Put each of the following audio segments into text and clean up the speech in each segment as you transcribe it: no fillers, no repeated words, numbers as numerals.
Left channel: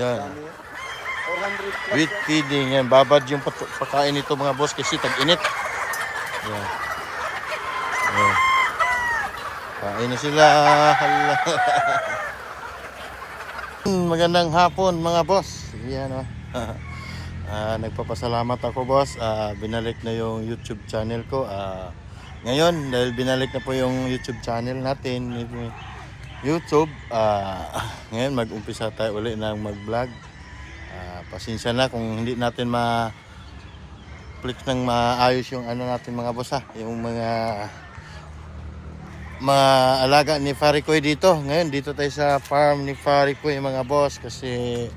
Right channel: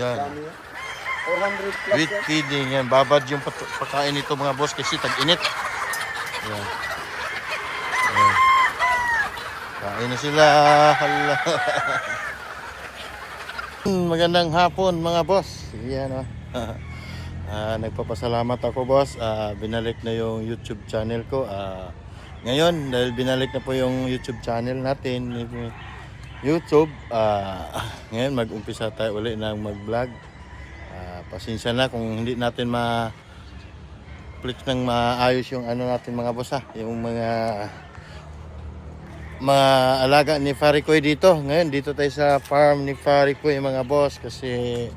Yan. 400 plus With yan. feeding. Yan. Babad yung pagkain nito mga boss kasi tag-init. Yan. Yan. Kain na sila. Hala. Magandang hapon mga boss. Yan o. Nagpapasalamat ako boss. Binalik na yung YouTube channel ko. Ngayon dahil binalik na po yung YouTube channel natin YouTube, ngayon mag-umpisa tayo uli ng mag-vlog. Pasensya na kung hindi natin ma-flex ng maayos yung ano natin mga boss yung mga alaga ni Farikoy dito. Ngayon dito tayo sa farm ni Farikoy mga boss kasi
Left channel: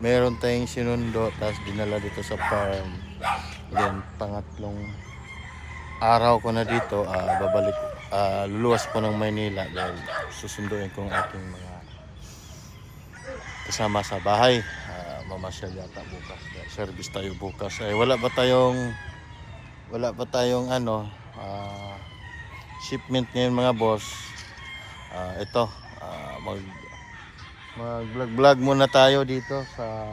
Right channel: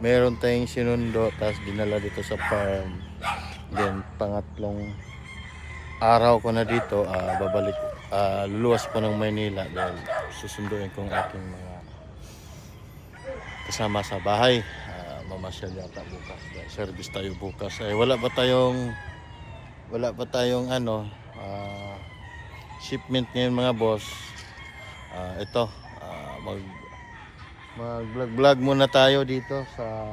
meron tayong sinundo tapos dinala dito sa farm. Then pangatlong araw ko na dito, babalik, luluwas po ng Maynila dahil susunduin kong aking mga kasama sa bahay. Mamasyal yata bukas, service tayo bukas. Wala pa tayong ano, shipment ngayon mga boss. Ito, mag-vlog muna tayo dito sa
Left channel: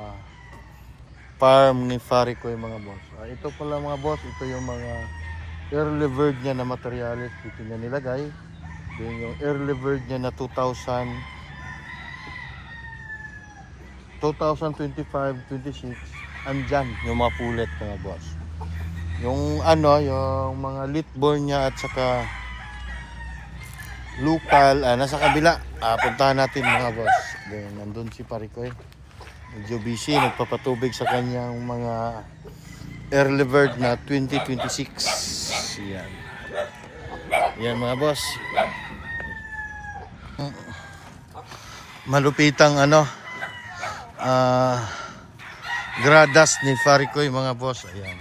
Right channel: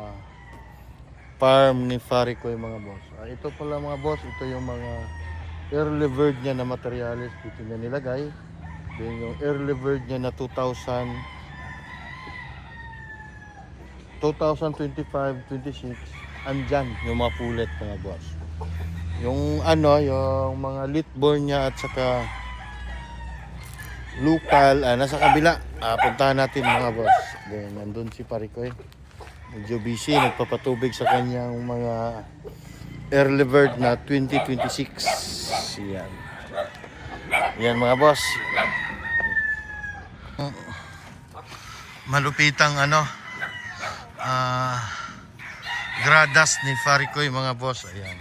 farm ni Farikoy mga boss. Ito pala mga boss, ito yung mga early bird niya na materials dito niya nilagay. Then yung early bird niya na 2025-26 andyan yung mga pulet mga boss. Yung ano, yung mga litborn niya at saka local, nasa kabila. Puntahan natin mga boss. Then nandun si Farikoy. Medyo busy, nagpapatubig sa kanyang mga early bird na 2026. Yan. Yan mga boss. Malupitang ano, gradas ni Farikoy mga boss. Ayan.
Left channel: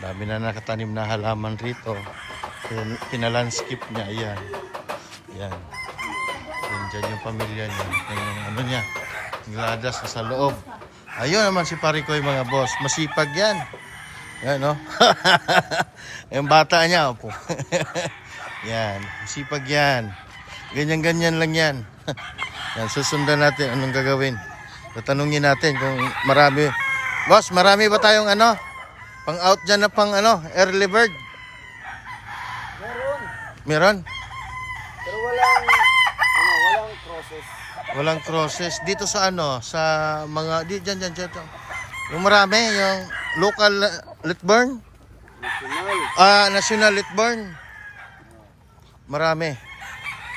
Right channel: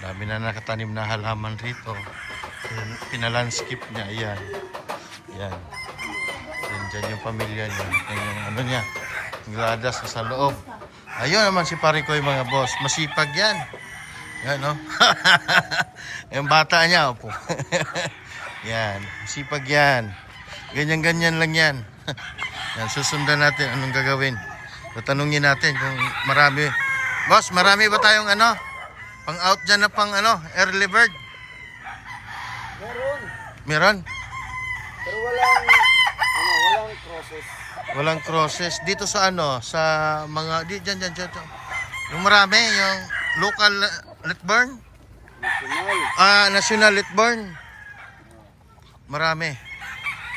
Dami na nakatanim na halaman rito. Pinalandscape niya. Ayan. Ayan. Diyan yung pamilya niya. Yan yung ano niya. Gradas sa loob. Ayun naman si Farikoy mga boss. Masipag yan. Yan no. Yung bata niya opo. Yan. Masipag yan. Ganyan-ganyan lang yan. Yan. Susundan natin anong gagawin. Tatanungin natin kung marami. Boss, marami ba tayong ano? Pang out dyan na pang ano? Early bird? Meron. Meron? Pero walang process. Walang crosses dito sa ano, sa mga diyan. Yung marami, yung local litborn, National. national litborn. Marami.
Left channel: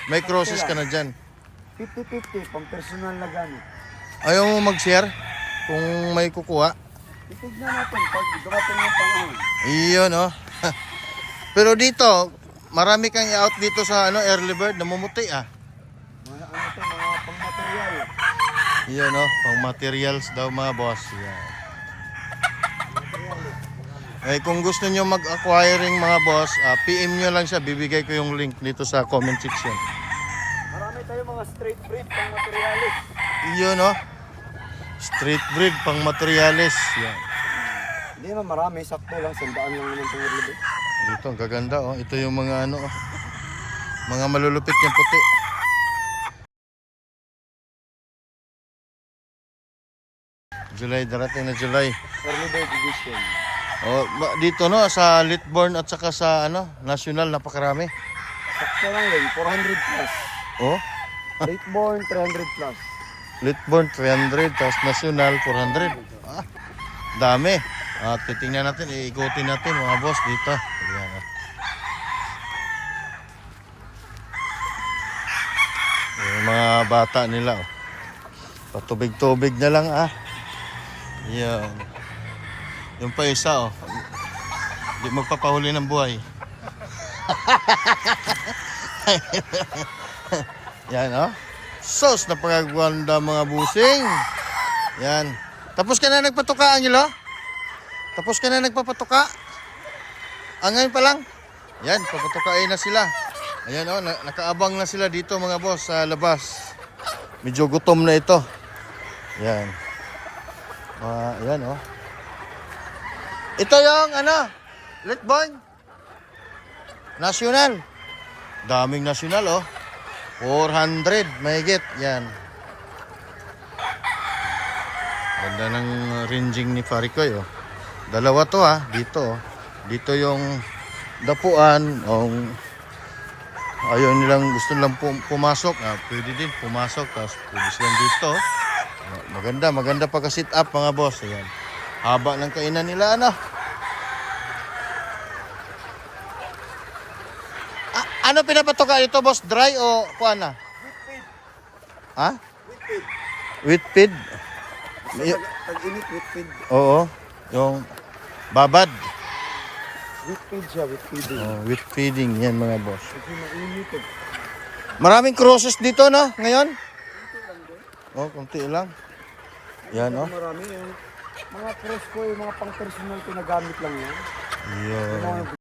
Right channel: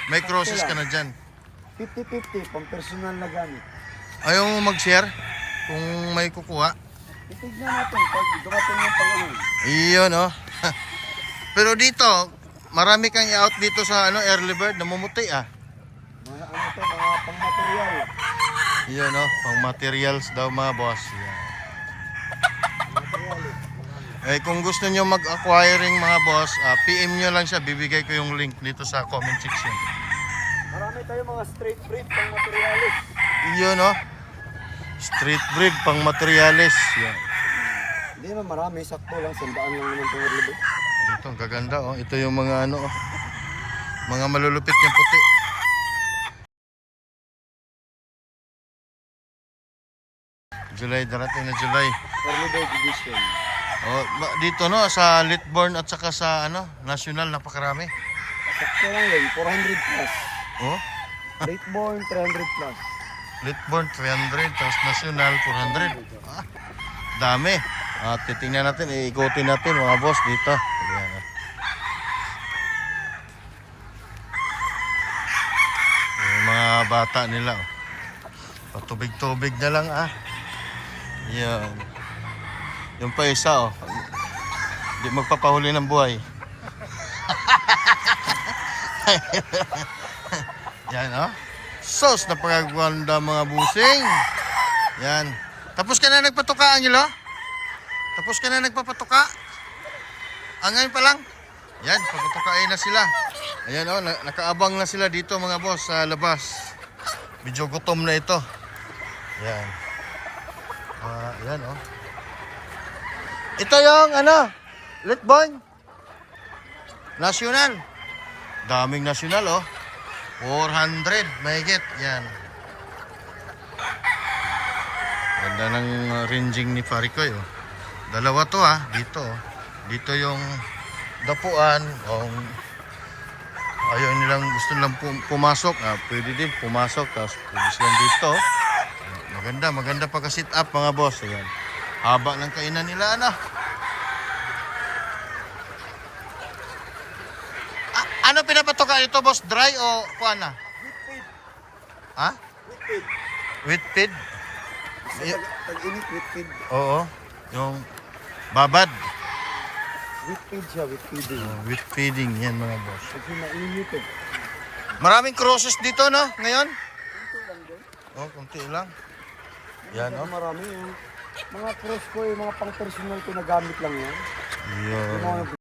May crosses ka na diyan. 50-50, pang personal na gamit. Ayaw mo mag-share kung may kukuha. Titignan natin pag dumating yung panahon. Iyon oh. Pero dito, marami kang i-out dito sa ano early bird, namumuti Mga ano to, mga pang material. Iyon oh, pang materials daw mga boss. Yan. Kung gusto niyo mag-acquiring mga boss, PM nyo lang siya, bibigay ko yung link dito sa comment section. Marami tayong mga straight breed pang materialis. Iyon oh. Street breed pang materials. Yan. Hindi naman marami, sakto lang, 100 lang naman itong early bird. Dito, ang gaganda oh. Ito yung mga ano oh. Mga malulupit yung puti. July, darating na July. Early bird edition. Oh, dito no sa Litborn at saka sa ano, National napakarami. Sakto lang yun, 400 plus. Oh, Late born, 300 plus. Litborn 300 tapos National 400. Dami. Titingnan natin, iikutin natin mga boss dito. Ayan. Yung mga bata nila oh. Patubig-tubig na lang Ayan. Yung pa isa oh. Hindi magpapahuli ng buhay. Yan oh. Sos, napakaganda mga busing. Yan. Tapos ka na nagpatuka, Angelo? Tapos ka na nagpapatuka? Ngayon pa lang? Yan, papatukain na sila. Ayan oh, nakaabang na sila dito mga boss sa labas. Medyo gutom na ito. Yan. Ayan oh. Ito yung ano, Litborn National. Daming national oh. 400 mahigit. Yan. Ganda ng ranging ni Parikoy, oh. Dalawa to, dito, oh. Dito yung dapuan, ayaw nilang, gusto nilang pumasok, pwede din pumasok, tapos pwede silang dito. Maganda pagka-sit up mga boss. Ayan. Haba ng kainan nila, ano. Ano pinapatoka ito, boss? Dry o kuan na? Wheat feed. Ha? Wheat feed. Wheat feed? Pag-init, wheat feed. Oo. Yung babad. Wheat feed siya, wheat feeding. Wheat feeding yan mga boss. Kasi mainit eh. Maraming crosses dito, no? Ngayon? Kunti lang. Yan, Pero no? marami yung mga cross ko, yung mga pang-personal ko na gamit lang yan. Yung mga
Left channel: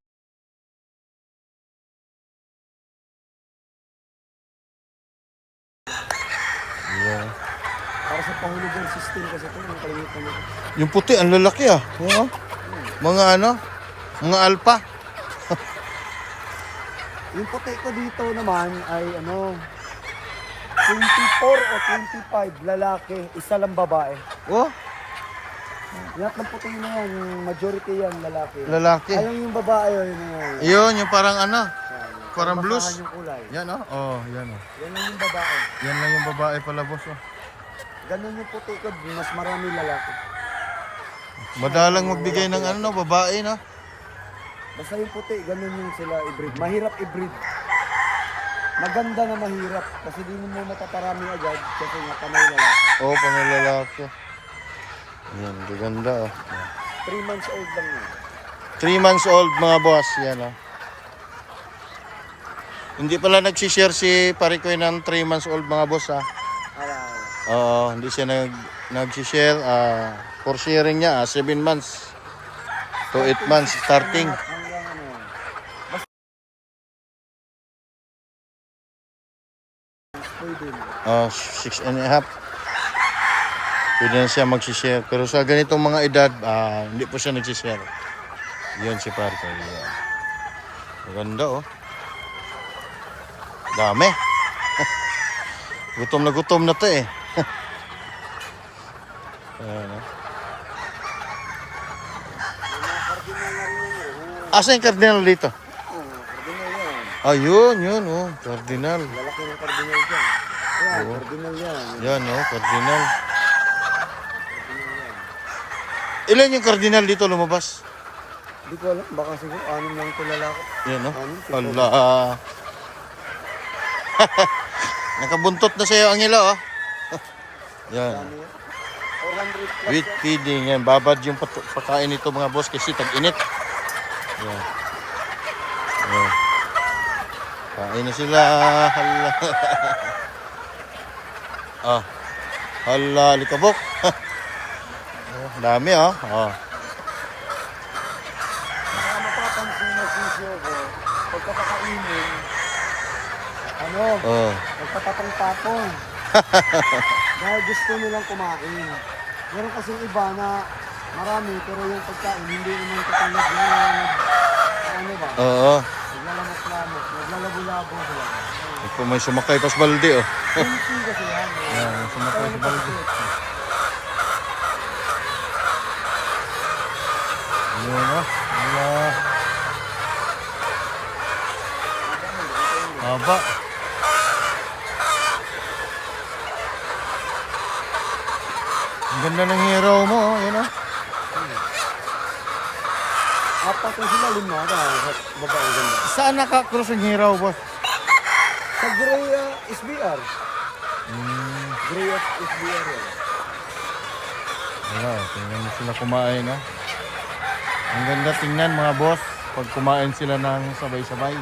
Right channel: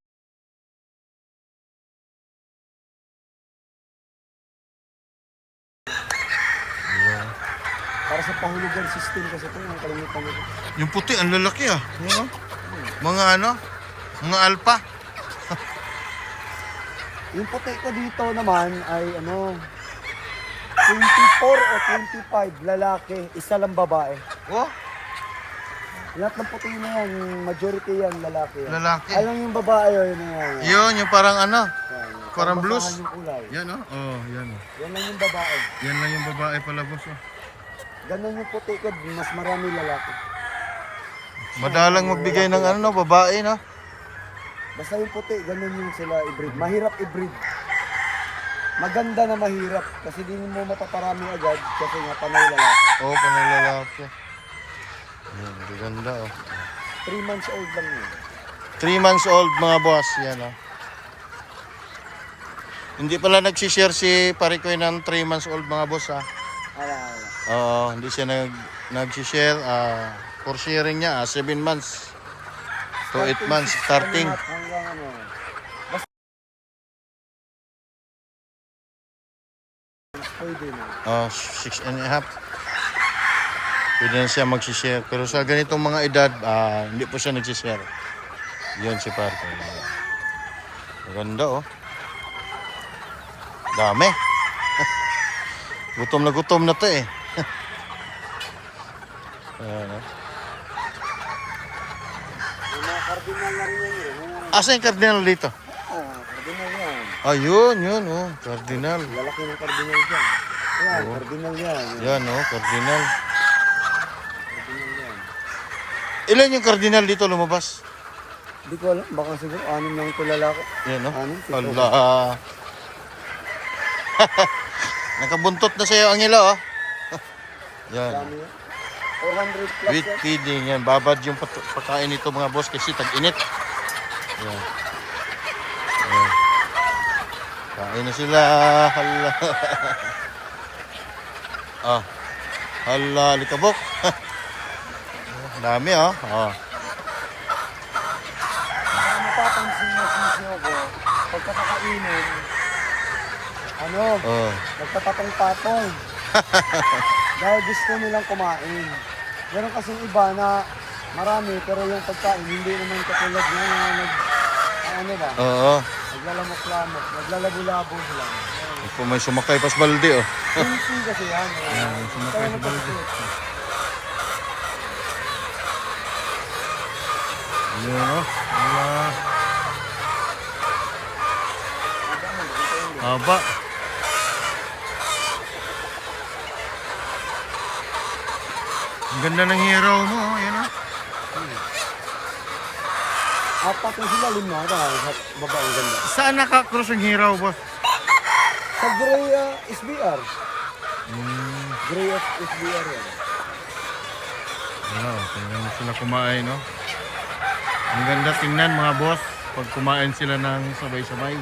Yan. Yan. para sa pahulugan system kasi ito, yung kalimutan mo. Yung puti, ang lalaki, Yan, oh. Mga ano? Mga alpa. Yung puti ko dito naman ay ano, 24 o 25 lalaki, isa lang babae. Oh? Lahat ng puti na yan, yung majority yan lalaki. Lalaki. Alam yung babae yun na yan. Yun, yung parang ano? Parang blues. Yung kulay. Yan, oh. Oh, yan, oh. Yan lang yung babae. Yan lang yung babae pala, boss, oh. Ganun yung puti ko, mas marami lalaki. Madalang magbigay ng ano, no, babae, no? Basta yung puti, ganun yung sila i-breed. Mahirap i-breed. Maganda na mahirap kasi di mo mataparami agad kasi nga panay lalaki. Oo, panalalaki. Yan, ganda, oh. 3 months old lang yun. 3 months old, mga boss. Yan, oh. Hindi pala nagsishare si Parikoy ng 3 months old, mga boss, Oo, hindi siya nagsishare. For sharing niya, 7 months to 8 months starting. Hanggang ano. Basta pwede na. 6.5. Pwede na siya magsishare. Pero sa ganitong mga edad, hindi po siya nagsishare. Yun si Parikoy. Yan. Maganda, oh. Dami. Gutom na to, eh. Ayan, oh. Asa yung cardinal dito? Cardinal yan. Ayun, yun, oh. Cardinal. Lalaki ng cardinal dyan. Oo. Cardinal yan. Yan, oh. Cardinal. Ilan yung cardinal dito lumabas? Hindi ko alam. Baka siguro 6 lang ito lalaki. Yan, oh. Anim, Hala. Nakabuntot na sa'yo ang ilo, oh. Yan. 400 plus Wheat yan. feeding. Yan. Babad yung pagkain nito, mga boss, kasi tag-init. Yan. Yan. Kain na sila. Hala. Hala, likabok. Dami, oh. Napapansin na sisyo ko. Pagkakakainin, nagpapatong-patong. Dahil gusto nilang kumain. Meron kasing iba na marami, pero yung pagkain, hindi naman katulad nyo na Oo. naglalamok-lamok, naglalabo-labo sila. Ito may sumakay pas balde, oh. Pinti kasi yan. Yan, may sumakay sa balde. Yun, oh. Wala. Haba. Ang ganda ng hero mo, oh. Yan, oh. Apat na sila, 5 sa babae ganda. Saan naka-cross ang hero, boss? Sa Gray SBR. Gray SBR yan. Wala, tingnan mo sila kumain, no? Ang ganda tingnan, mga boss, pag kumain sila ng sabay-sabay.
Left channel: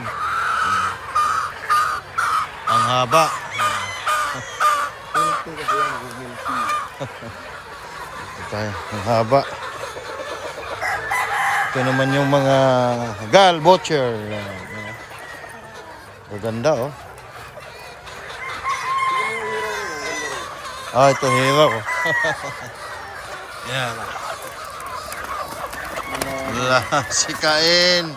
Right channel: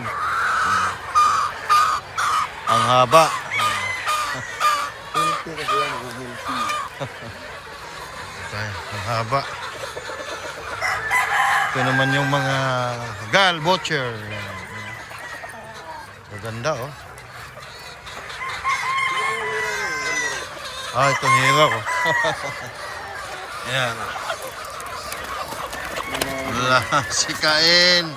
Ang haba. Pinti kasi yan, nag-multi. Ang haba. Ito naman yung mga gal butcher. Yan. Ang ganda, oh. Ito hero, oh. Yan. Wala, sikain.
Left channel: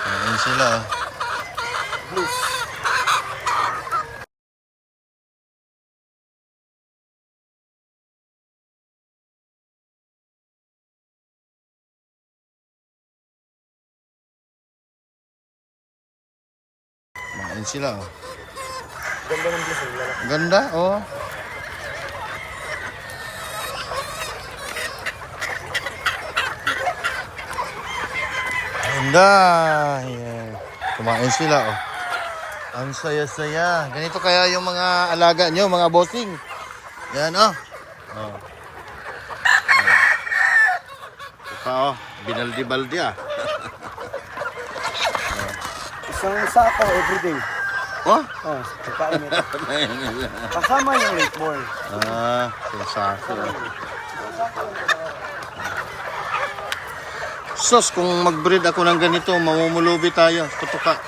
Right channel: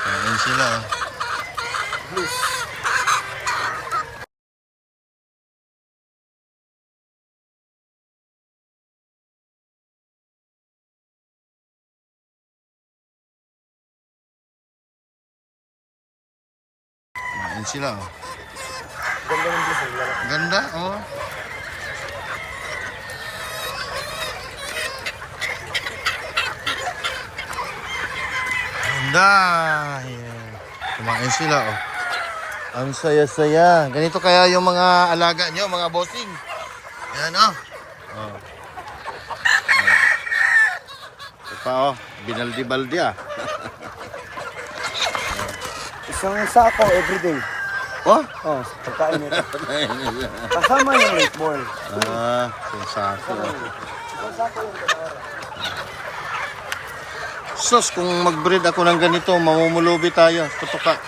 Kain sila, oh. Blues. Kumain sila, oh. Ganda ng blessing. Lalaki. Ganda, oh. Ganda. Ayan. Kumain sila, oh. Ang saya-saya. Ganito kaya yung mga alaga nyo, mga bossing. Ayan, oh. Oh. Ayan. Ito pa, oh. Binaldi-baldi, ah. Isang sako everyday. Oh? Oh, pagkain nito. Kasama yung late ball. Ah, sensasyo. Sos, kung mag-breed ako ng ganito, mamumulubi tayo. Tutuka.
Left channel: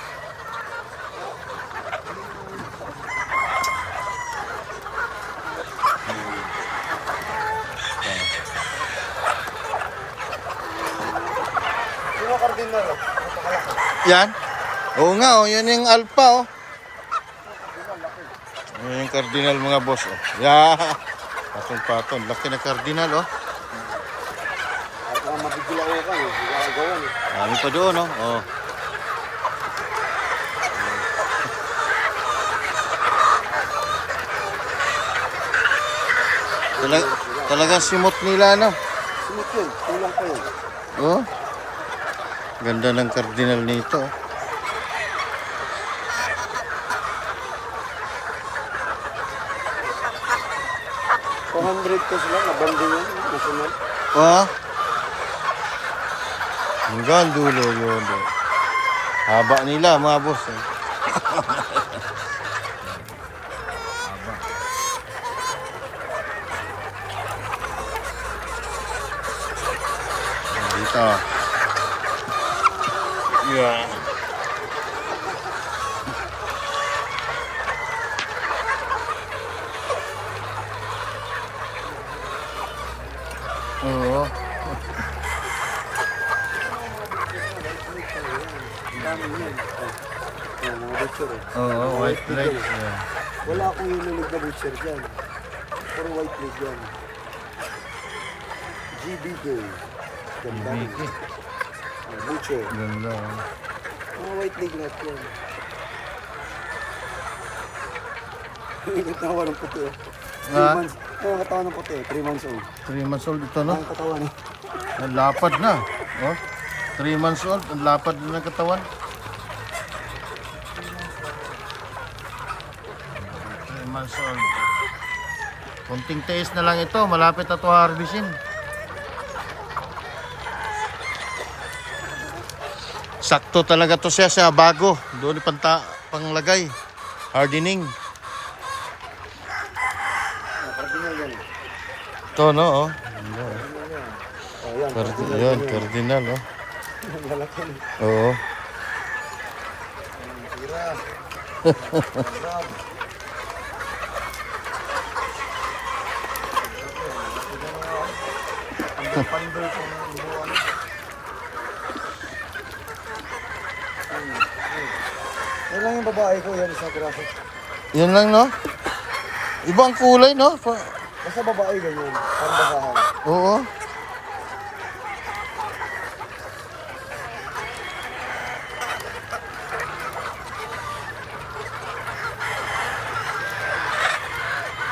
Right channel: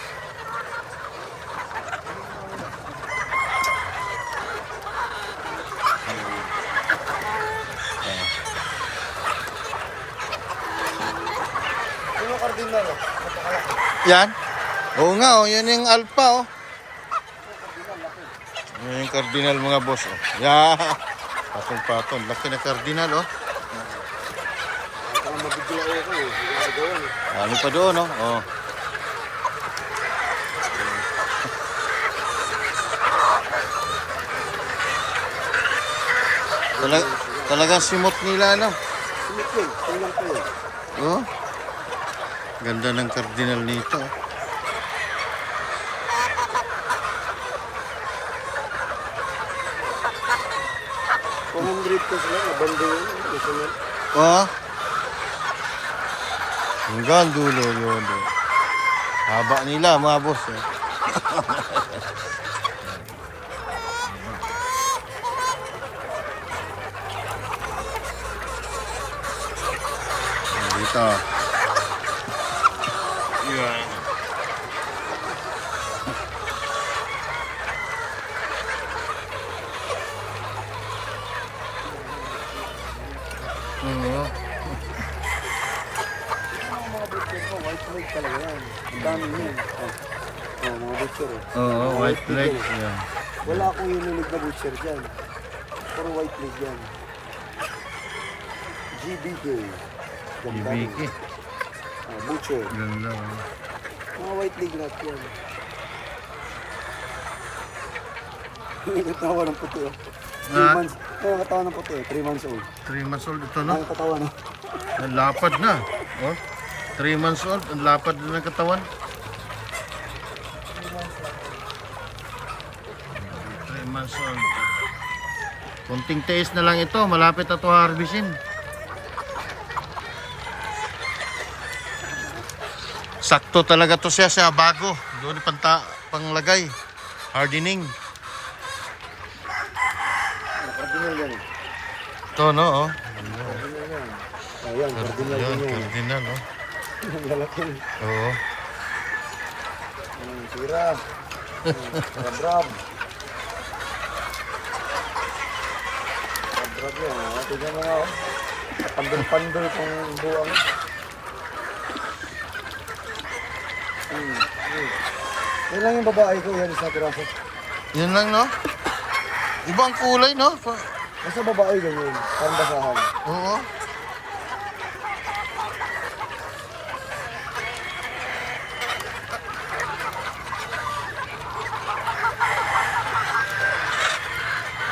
Sino cardinal? Napakalaki. Yan? Oo nga, oh. Yan yung alpha, oh. Yan yung cardinal, mga boss, oh. Yeah. Patong-patong. Laki na cardinal, oh. Baka mabigila ko ka eh. Gagawan eh. Dami pa doon, oh. Oh. Talagang simot nila, no? Sumit yun. Tulang ko yun. Oh. Ganda ng cardinal nito. 200 ko sila. Nabando yun. Nasunod. Oh. Hanggang dulo yun. Oh. Haba nila, mga boss, eh. Dito. Yeah. Oo. Ang dami yun. Oh, mga butcher eh. Oo, white leg. Yeah. Wala akong inulig na butcher dyan. Puro white leg yan. GBK. Ganda rin. Ibiki. Butcher. Ganda. Oh. Mga white leg lahat yan. Yung katawan ng puti eh. 3 Ah? months. Yung katawan ng puti eh. 3 months old. 3 months old ito, no? Ang katawan eh. Ang lapad na. Oh. 3 months old, ang lapad na ng katawan. 3 months old. Kunting tiis na lang ito, malapit na ito harvestin. Sakto talaga to siya bago. Doon panglagay. Hardening. Cardinal yan. Ito, no? Oh. Ayan. Yun, cardinal, oh. Lalaki. Oo. Ang tira. Grab. Pandong-pandong kung buwang. Yan lang yung babae ko, yan sa piraso. Yun lang, no? Ibang kulay, no? Basta babae ganyan, parang basahan. Oo.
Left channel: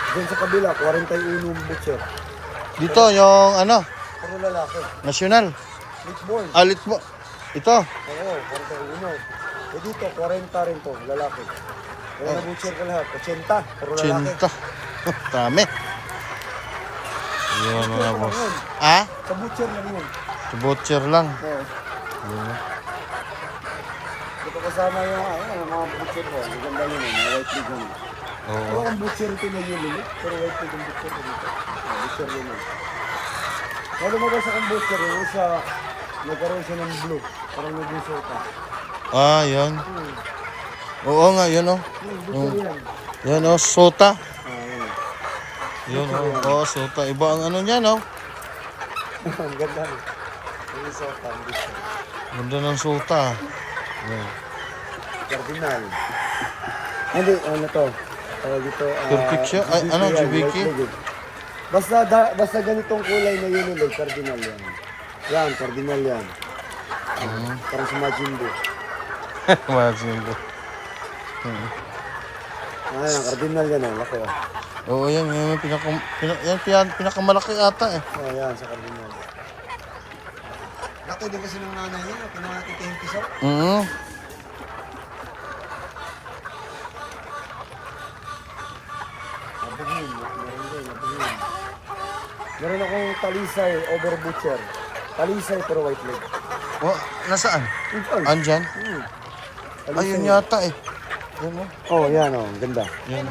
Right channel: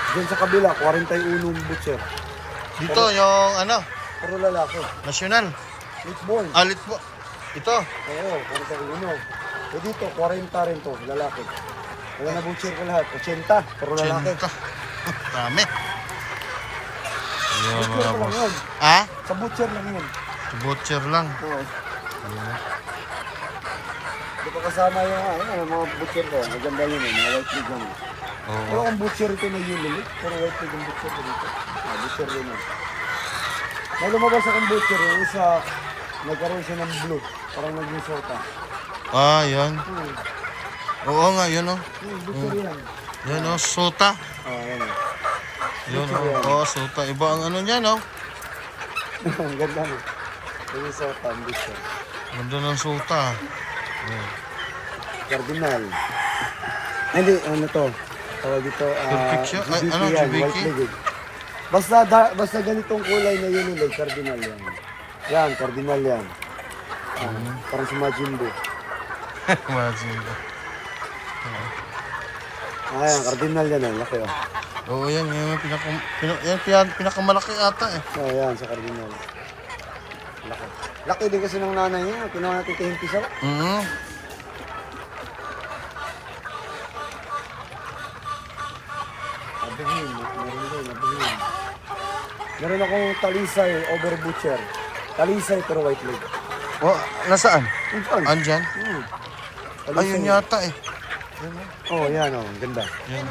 Doon sa kabila, 41 butcher. Dito, yung ano, Puro lalaki. nasyonal. Which born? Alit mo. Ito. Oo, 41. Eh dito, 40 rin to, lalaki. Kaya na butcher ko lahat, 80, puro lalaki. Chinta. Dami. Yun, mga boss. Ah? Sa butcher lang yun. Butcher lang. Oo. Yun. Dito kasama yung mga butcher ko. Maganda yun eh, mga white pig yun. Pero Oo. ang butcher ito na yun eh. Pero white pig ang butcher ko dito. Butcher yun eh. Nung lumabas akong butcher, yung isa, nagkaroon siya ng blue. Parang nag-resort ah. Ah, yan. Oo nga, yun, oh. Butcher yan. Yan, oh, sota. Yan eh. Yun, oh. Oo, sota. Iba ang ano niya, no? Ang ganda eh. Yung resort ang butcher. Ganda ng sota. Yan. Cardinal. Hindi, ano to? Tawag dito, Turkic siya? Ay, ano, yan, GBK? white leg eh. Basta ganitong kulay na yun ulit, cardinal yan. Yan, cardinal yan. Parang sa Majimbo. Imagine ko. Ah, cardinal yan. Ang laki. Oo, yan yung pinakamalaki ata eh. Oh, yan sa cardinal. Laki din kasi ng nanay niya. Pinakatitintisaw. Oo. Nabuhin. Meron akong talisay over butcher. Talisay pero white leg. Oh, nasaan? Ito. Andyan? Talisay. Ayun yata eh. Yan oh. Oh, yan oh. Ganda. Yan.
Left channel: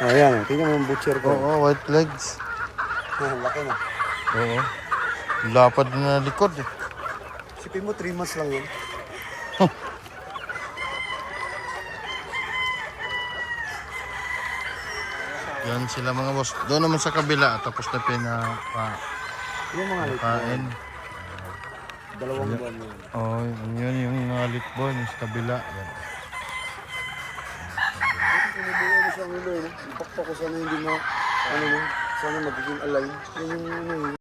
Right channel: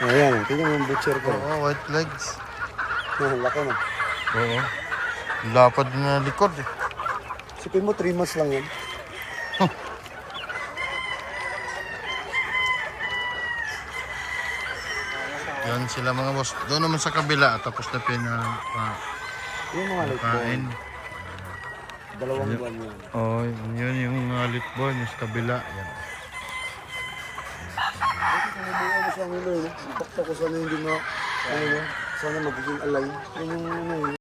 Oh, yan oh. Tingnan mo yung butcher ko. Oo, white legs. Laki na. Oo. Lapad na likod eh. Sipin mo 3 months lang yun. Yan sila mga boss. Doon naman sa kabila. Tapos na Yung mga late pinakain. Dalawang buwan yun. Oh, yun yung litborn. Yung sa kabila. Yan. Sinubukan mo sa ano yun. Pakpak ko sana hindi na, ano yun, sana magiging alay. Yan yung ano yun.